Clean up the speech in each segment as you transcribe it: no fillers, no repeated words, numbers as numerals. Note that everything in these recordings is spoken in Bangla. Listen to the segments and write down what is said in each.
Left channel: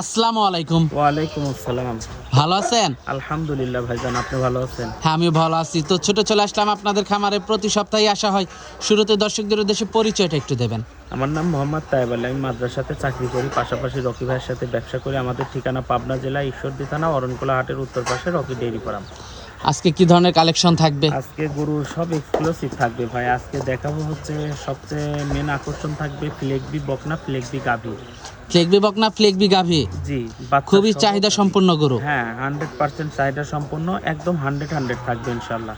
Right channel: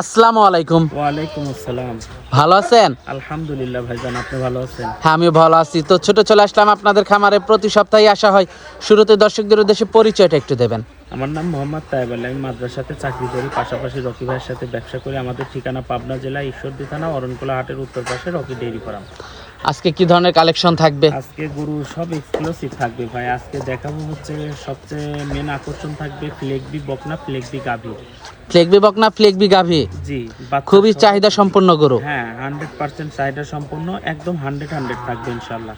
আসসালামু আলাইকুম। ওয়ালাইকুম আসসালাম। ভালো আছেন? আলহামদুলিল্লাহ ভাইজান, আপনি ভালো আছেন? হ্যাঁ, আমি ভালো আছি। তো ছোট চলে আসলাম আপনাদের খামারে, প্রতি সপ্তাহে আসা হয়। শুরুতে দর্শকদের উদ্দেশ্যে পরিচয়টা একটু দেবেন। আমার নাম মোহাম্মদ তায়েব আলী, আমি মাদ্রাসাতে চাকরি করি, পাশাপাশি রকি ভাইয়ের সাথে ব্যবসা করি। আমাদের ঠিকানা পাবনা জেলা ঈশ্বরদী থানা অরণকোলা হাটের উত্তর পাশে রকি ডেইরি ফার্ম। আজকে কি ধরনের কালেকশন থাকবে? আজকে গরু সব এক্সক্লুসিভ থাকবে ভাই। আজকে দেখাবো হচ্ছে সবচেয়ে মেন আকর্ষণ থাকবে ফ্লেগবি বকনা, ফ্লেগবি গাভী। ফ্লেগবি বকনা, ফ্লেগবি গাভী, জি, খুবই চাহিদা সম্পন্ন গরু। হ্যাঁ, 100% চাহিদা সম্পন্ন, একদম 100 থাকবে ইনশাল্লাহ।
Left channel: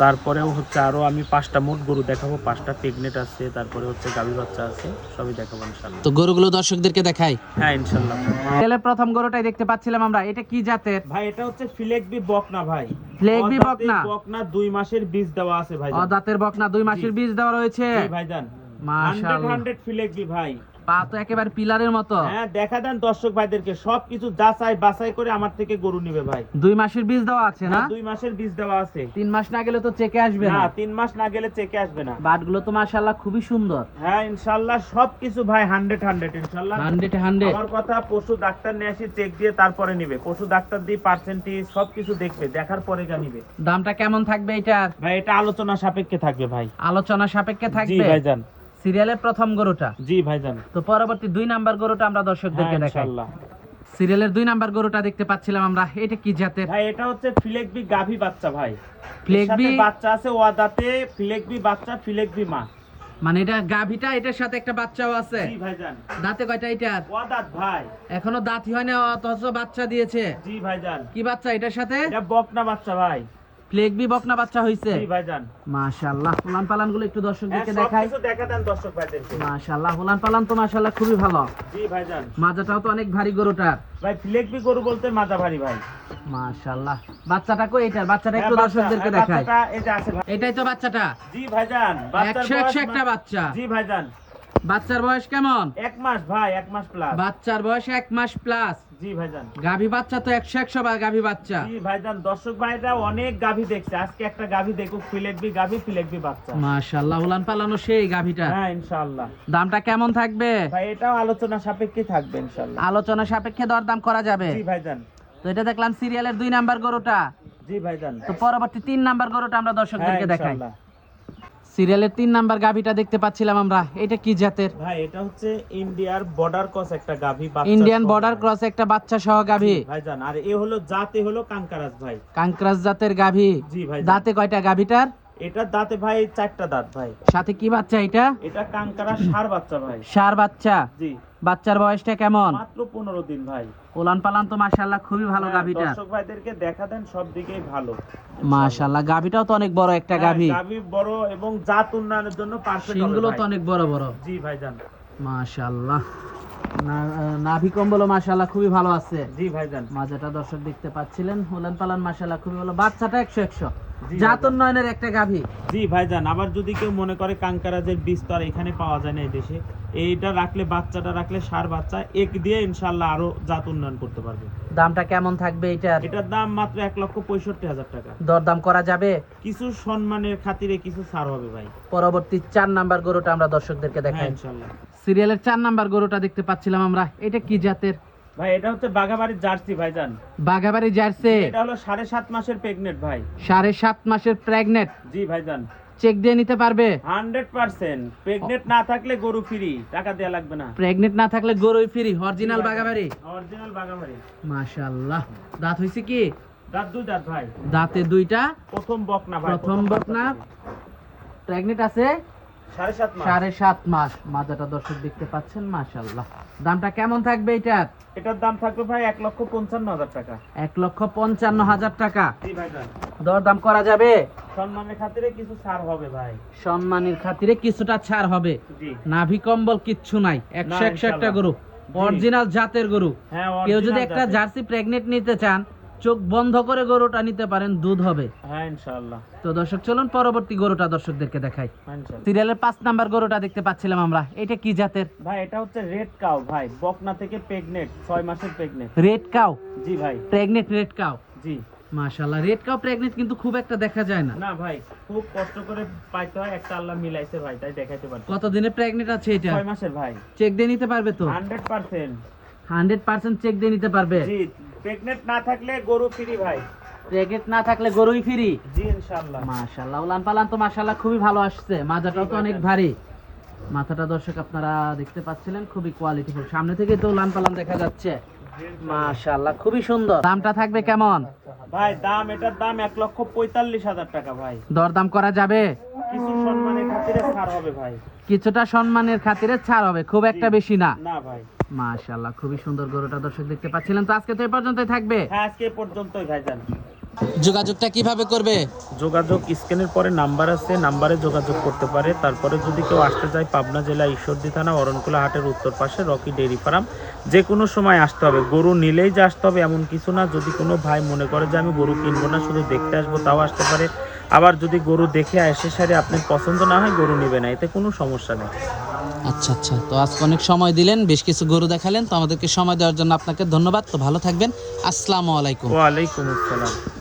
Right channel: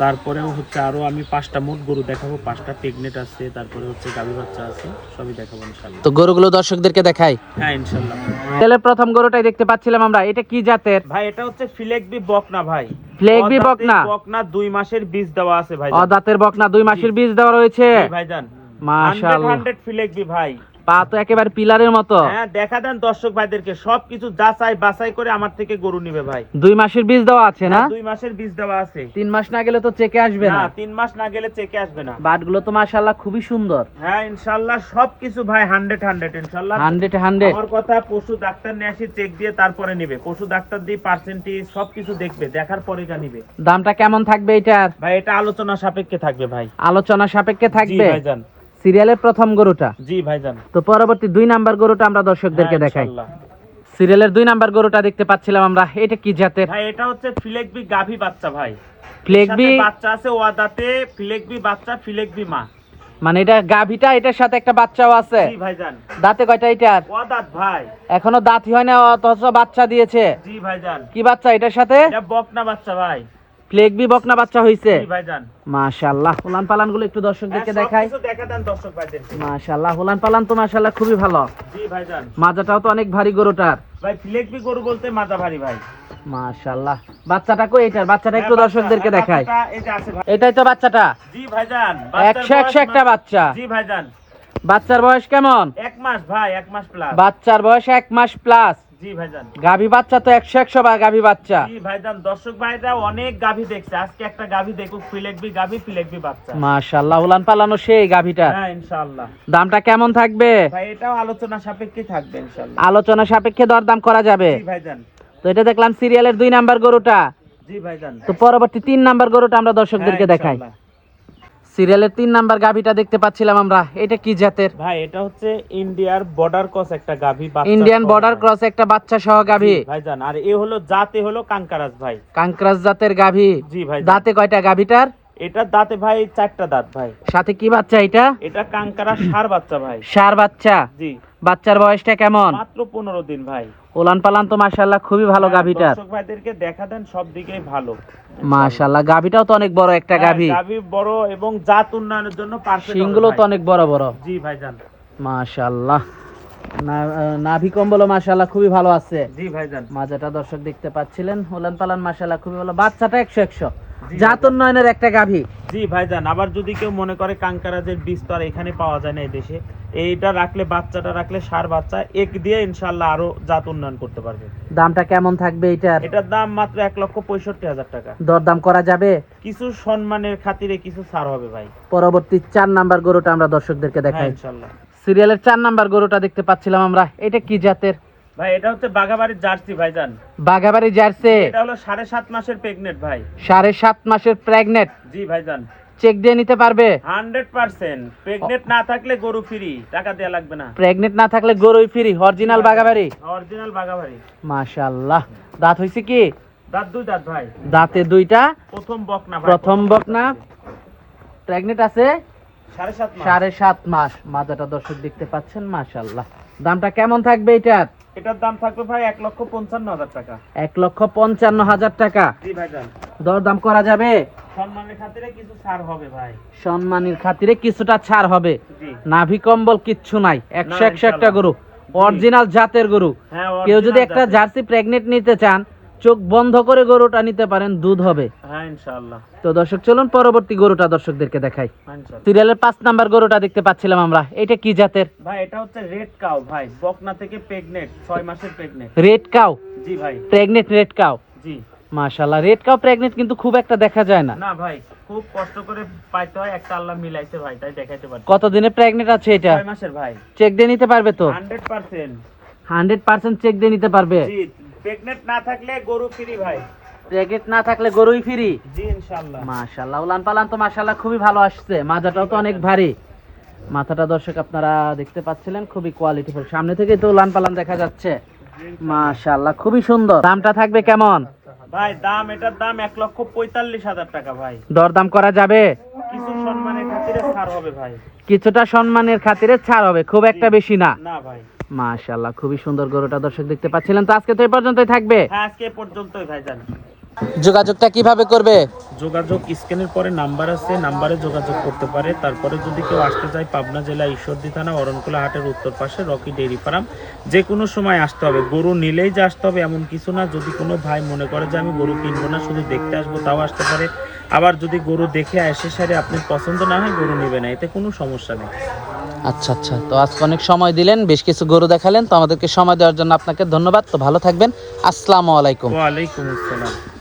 তারপরেও হচ্ছে আরো আমি 5টা মোট গরু দেখাবো, 5টা প্রেগনেন্ট আছে, তারপরে হচ্ছে গাভী বাচ্চা আছে, সবই দেখাবো ইনশাল্লাহ। তো গরুগুলো দর্শকদেরকে দেখাই। হ্যাঁ ইনশাল্লাহ ভাই। তেলের প্রথম গরুটাই দেখতে পাচ্ছিলাম আমরা, এটা কি জাতের? ভাই এটা হচ্ছে ফ্লেগবি বকনা ভাই। ফ্লেগবি বকনা, বকনা 2 মাসের বীজ দেওয়া আছে ভাই। অদাঁতের বকনা, 2 মাসের বীজ দেওয়া রয়েছে। জি ভাইজান, মাশাআল্লাহ, 100 ফ্লেগবি ভাই। পা তো একেবারে পিলারের মতো। হ্যাঁ, দেখা দেন দর্শক ভাইদেরকে, সবকিছু যাচাই বাছাই করে আমার থেকে গরু নিবে ভাই। 2 মাসের বীজ দেওয়া আছে না? 2 মাসের বীজ দেওয়া আছে। 3 মাস না গেলে তো চেকে আসবে না। না, 3 মাস না গেলে চেকে আসবে না। বাটগুলো তো মাশাআল্লাহ খুবই সুন্দর। হ্যাঁ ইনশাআল্লাহ সবকিছু ভাই 100 ইনশাআল্লাহ। 100 আমার কথা, পশু ডাক্তার নিয়ে আসি, চেক দিয়ে তারপরে নিবে। পশু ডাক্তার দিয়ে পার্সেন্টেজ সবকিছু দেখবে, দেখার পরে নিবে। দামটা কেমন থাকবে এটার? ভাই এটা আলোচনা সাপেক্ষে থাকবে ভাই। আলোচনা সাপেক্ষে জি থাকবে। ভাইজান। সিরিয়ালের প্রথম গরুটা। জি ভাইজান। তো পরবর্তী 2 নাম্বার গরুটা আমরা দর্শকদেরকে হ্যাঁ, দেখাই। ইনশাআল্লাহ। সিরিয়ালের 2 নাম্বার গরুটা দেখতে পাচ্ছিলাম আমরা, এটা কি জাতের? ভাই এটা হচ্ছে ফ্লেগবি গাভী বাচ্চা ভাই। ফ্লেগবি বাচ্চা আছে ওয়াদাতে, ফ্লেগবি বাচ্চা, ফ্লেগবি মা। মানে এটা গাভীটা, এটার সাথে একটা বাচ্চাও আছে। জি ভাইজান। দাঁতে কয়টা এটার? ওয়াদাত ভাই। এখনো দাঁতই হয় না, অথচ বাচ্চা দিয়েছে। জি ভাইজান। কি বাচ্চা এটার সাথে? এটা বকনা বাচ্চা ভাই। ফ্লেগবি বকনা বাচ্চা হইছে। জি ভাইজান। মাশাআল্লাহ, উলান পালান গুলো একটু দর্শকদেরকে দেখাই। সবকিছু দেখা দেন দর্শক ভাইদেরকে। মাশাআল্লাহ, উলান পালান তো মাশাআল্লাহ খুবই ভালো। জি ভাইজান। মাজাটাও তো অনেক ভারী গরুটার। ভাই ফ্লেগবি গরু বলতে মাজা ভারী ভাই। মাশাআল্লাহ, বাচ্চাটা কই এটার? বাচ্চাটা একটু দর্শকদেরকে দেখাই। এটাই তো বাচ্চাটা। জি ভাইজান। 100 একটা বাচ্চা। জি ভাইজান। বাচ্চার বয়স কেমন? 1 মাস ভাই, 1 মাস প্লাস। বাচ্চার বয়স 1 মাস প্লাস। জি ভাইজান। গাভী বাচ্চা তো 100 বা গাভী বাচ্চা। জি ভাইজান, দর্শক ভাইরা অনেক গাভী দেখছে, আজকে একটা গাভী দেখুক, ফ্লেগবি গাভী, ফ্লেগবি বাচ্চা। মাশাআল্লাহ, উলান পালানো সেই গাভীটা। হ্যাঁ ইনশাআল্লাহ। দামটা কেমন থাকবে? ভাই এটাও আলোচনা সাপেক্ষে থাকবে ইনশাআল্লাহ। আলোচনা সাপেক্ষে দরদাম করা যাবে। জি ভাইজান। তো এটা দেখলাম সিরিয়ালের 2 নাম্বার গরুটা। জি ভাইজান। তো পরবর্তী 3 নাম্বার গরুটা আমরা দর্শকদেরকে দেখাই। সিরিয়ালের 3 নাম্বার গাভীটা দেখতে পাচ্ছিলাম আমরা, এটা কি জাতের? ভাই এটা হচ্ছে ইন্ডিয়ার বর্ডার ক্রস একটা গাভী বাচ্চা। ইন্ডিয়ান বর্ডার ক্রস একটা বাচ্চা সহ গাভী ভাইজান। আর এ হলো জাতে হলো কাঙ্কারাজ ভাই। কাঙ্করাজ জাতের গাভী। জি ভাই। দাঁতে কয়টা গাভীটার? এটা দাঁতে ভাই 4টা দাঁত ভাই। সাথে কি বাচ্চা এটা? এটা কাঙ্কারা ষাঁড় বাচ্চা ভাই। ষাঁড় বাচ্চা। জি। বাচ্চার বয়সটা কেমন? মাত্র 15 দিন ভাই। ওলান পালান তো মাশাআল্লাহ খুবই ভালো গাভীটার। দর্শক ভাইদেরকে দেখা দেন, সব দিকেই ভালো মাশাআল্লাহ, গাভীটাও তো অনেক বড় একটা গাভী। গাভী বড় এবং জাত উন্নয়নের জন্য পারফেক্ট। শিংগুলো তো অনেক বড় বড়। জি ভাইজান। মাশাআল্লাহ, নাভি কম্বলও মাশাআল্লাহ খুবই ভালো আছে। জি ভাইজান। মাজাটা দর্শক দেখতে পাচ্ছিলেন, ওলান পালান মাশাআল্লাহ খুবই ভালো। বাচ্চাটা 100 জি জাত উন্নয়নের একটা গাভী। জি ভাইজান। আবার যদি কেউ মনে করে কাঙ্কারাজের বীজ তো আর এখানে পাওয়া যায় না এই দেশে, এইটা রাখলে, বাচ্চাটা রাখলে, ষাঁড় বাচ্চা এক দিয়ে ইনশাআল্লাহ আরো জাত উন্নয়ন করতে পারবে। দামটা কেমন থাকবে এটার? এটার দাম মাত্র 1,65,000 টাকা। দরদাম করা যাবে? কিছু সম্মানের খাতিরে কিছু ছাড় হবে ভাই। পরবর্তী 4 নাম্বার গরুটা আমরা দর্শকদেরকে হ্যাঁ দেখাই। ইনশাআল্লাহ। সিরিয়ালের 4 নাম্বার গরুটা দেখতে পাচ্ছিলাম আমরা, এটা কি জাতের? ভাই এটা হচ্ছে বাঘাবাড়ির জার্সি ভাইজান। বাঘাবাড়ি জার্সি। এটা হলো 7.5 মাসের প্রেগনেন্ট ভাই। 7.5 মাসের প্রেগনেন্ট। জি ভাইজান। চেক দিয়ে নিতে পারবে? 100%। প্রেগনেন্ট না থাকলে গরু ফ্রি, টাকা দেয়া লাগবে না। প্রেগনেন্ট না থাকলে গরুই ফ্রি, অরিজিনাল বাঘাবাড়ি। অরিজিনাল বাঘাবাড়ি। মাশাআল্লাহ, দাঁত হইছে কি? দাঁত 2 দাঁত ভাই। দাঁতে 2টা। প্রথম বকনা ভাই। প্রথম বকনা। প্রেগনেন্ট আছে? 7.5 মাস। মাজাটা দর্শক দেখতে পাচ্ছেন, মাশাআল্লাহ। দামটা কেমন থাকবে এটার? এটার দাম থাকবে ভাই 1,55,000 টাকা। 1,55,000 টাকা। জি ভাইজান, দরদাম করা যাবে? সম্মানের খাতিরে কিছু ছাড় হবে ভাই। সম্মানের খাতিরে কিছুটা ছাড় হবে। জি। নাভি কম্বল কিচ্ছু নাই, 100 একটা গরু, অরিজিনাল জাতের গরু। হ্যাঁ, কেউ যদি original একটা জাতের। জার্সি প্রেগনেন্ট নিতে চান, চোখ বন্ধ করে গরুটা নিতে পারেন, দুধ হবে। হ্যাঁ ইনশাআল্লাহ। তো দর্শক চলুন পরবর্তী গরুটা দর্শকদেরকে দেখাই। হ্যাঁ, ইনশাআল্লাহ। সিরিয়ালের 5 নাম্বার গরুটা দেখতে পাচ্ছিলাম আমরা, এটা কি জাতের? ভাই এটা হচ্ছে রেড কাউ ভাই, বকনা থেকে প্রেগনেন্ট, 6 মাসের প্রেগনেন্ট। Red cow? জি ভাই। Pregnant red cow? জি। মাশাআল্লাহ, রেড কাউ প্রেগনেন্ট কিন্তু খুব একটা দেখা যায় না। না ভাই, খুব কষ্ট করে পাইতে হয়, একটা আল্লাহ মিলাইছে ভাই, তাই দেখাইতে পারি। কতদিনে প্রেগনেন্ট আছে এটা? 6 মাসের ভাই। চেক দিয়ে নিতে পারবে তো? 100%। 100% চেক দিয়ে নিতে পারবে? জি, প্রেগনেন্ট না থাকলে গরু ফ্রি ভাই। প্রেগনেন্ট না থাকলে গরুই ফ্রি? জি ইনশাআল্লাহ। মাশাআল্লাহ, উলান পালান তো মাশাআল্লাহ খুবই ভালো আসছে। মাজাটাও তো অনেক ভারী। মাথাটা দর্শক আপনারা দেখতে পাচ্ছিলেন, খুবই কোয়ালিটিফুল। সামনে থেকে তো উলান পালান দেখা যাচ্ছে। মাশাআল্লাহ, খুবই সুন্দর। দামটা থাকবে কেমন? ভাই দাম, এটার দাম 1,45,000 টাকা ভাই। দরদাম করা যাবে? কিছু সম্মানের খাতিরে ছাড় হবে ভাই। কিছুটা সম্মানের খাতিরে ছাড় হবে, খুব একটা বেশি না। না ভাই। মাশাআল্লাহ, খুবই সুন্দর গরুটা দর্শক দেখতে পাচ্ছিলেন। তো আজকে তো এই পর্যন্তই থাকবে। হ্যাঁ, আজকে এই পর্যন্তই ভাইজান। যোগাযোগটা কিভাবে করবে? যোগাযোগ স্ক্রিনের পরে নাম্বার আছে, নাম্বারে যোগাযোগ করতে পারে। তারপরে যদি কেউ আসতে চায়, পাবনা জেলা ঈশ্বরদী থানা অরণকুলা হাটের উত্তর পাশে রকি ডেইরি ফার্ম, যে কোনো সময় আসতে হবে। গরু নিলেই যে আসতে হবে এমন কিছু না। যদি কোনো ভাই মনে করে যে আমি গরু কিনবো না, শুধু দেখতে আসবো, তাও আসতে পারে। আবার যদি গরু দেখে এসে সারে আপনার পছন্দ না হয়, গরু নেবে না, এতে কোনো সমস্যা নেই। আচ্ছা আচ্ছা, তো আজকে অনেক সময় দিলেন, বেশ কিছু গরু দেখালেন, তো আমাদেরকে সময় দেওয়ার জন্য আপনাকে ধন্যবাদ। তো ভালো থাকবেন, আসসালামু আলাইকুম। ওয়ালাইকুম আসসালাম।